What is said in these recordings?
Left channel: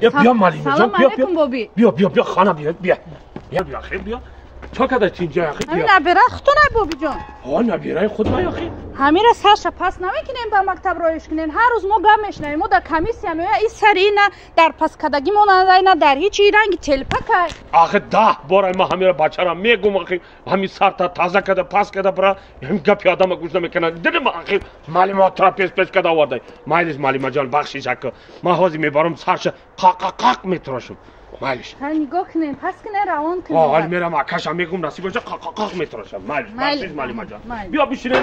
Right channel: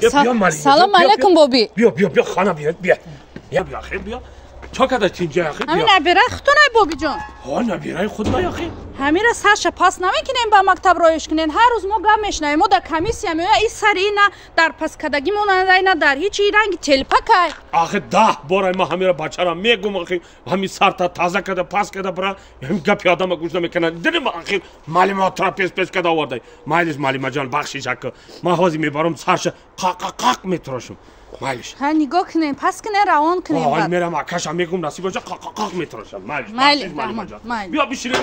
بیا مالی سلام علیکم بابی بیا خانه بیا خیلی بیا چا کداش اینجا اخی همین نبیره خودتونه بابی جان ها نبیره خود ما اخی همین را سرش پاس نمیکنیم به مکتب رایش کنین هر روز ما گم میشنیم ما در کمیسیا می این سری نه در پس کدگی مونده نه در هیچ رنگ تلپک آخه 10 بار ما همین بچه را میگم اخی همین سر تا تازه کده پاس کده برا همین گپ آدم گوش نمیکنه دیدم اخی معلم تراپیست پیش کده آورده مایلیز معلم جان بخشش اک ما حاضر میبرم سرش قاق میتراشم مایلیش ها نگاه کنین پس کنین روان کنین حال میرم آکاشم میگم نصیب باشه قاق میتراشم مایلیش معلم جان بیا بشینیم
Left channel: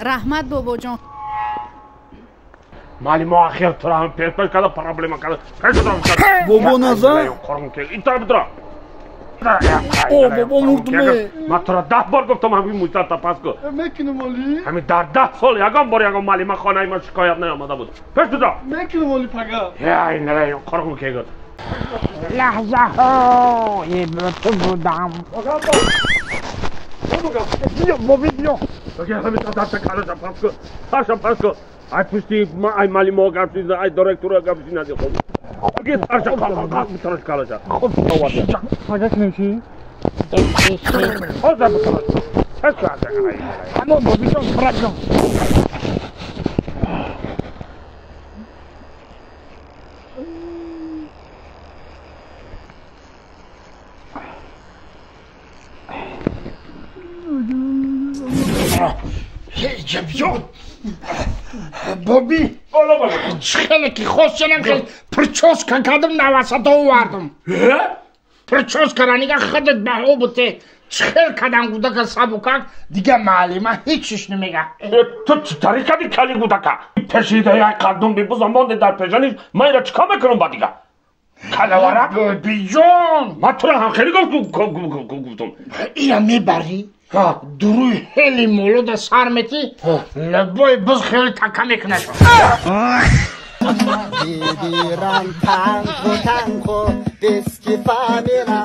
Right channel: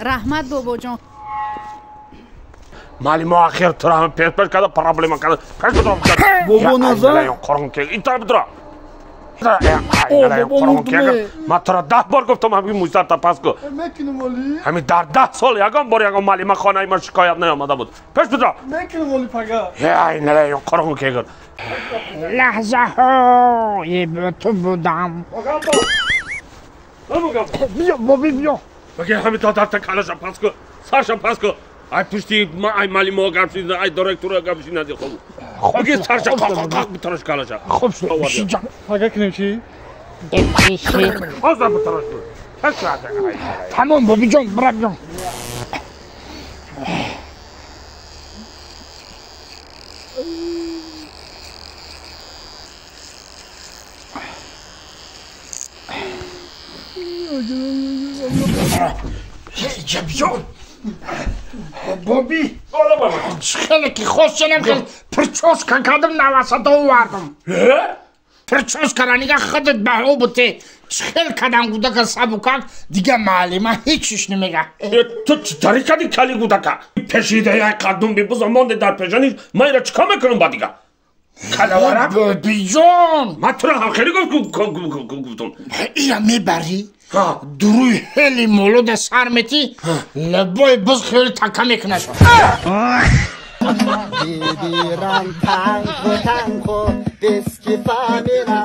رحمت بابا جان معلم آخر تو را هم پیش کده پرابلم کده بابا نزن قرم که این طرف درا بابا مردمه ما تو را 10 بار گفتم همین موزه تا پس کو میکنم ولی همین در 10 سال یکم بار یکم معلم خانه ما شکایت نیامده بود پیش بدرا میکنم ولی فقط ای نه قرم که گفت لحظه ها یه تو بودم بیا بابی بیا بگه همین تا دست کالش پس کو سرش پس کو ای پشتی ما ای معلم ها گپ شد ای دایرکتور گپ شد ندی خوب بگه سرش قاق بترش کالش خوب شد فقط کنیم چی؟ باز بترش تمام بابی جان برگم بابی خیلی که خوش شدم که پرچوز کردم نواسط آوردم پرچوز کردن خودت به او بوده خیلی کردن بوده که سبکک دیگه معلمه هیچیش نمیگه تو چطوری کردی کلی بوده که پشیده یه قدم بی بزرمانده در پیشانیش من را چکا میکنم با دیگه کلوارم بابی جان من تو را هم خیلی گفتم اینا میبری دروی خیلی مولود سرمتی لبای بز خیلی تکه میکنه Viviran tango, tango, deschi famina,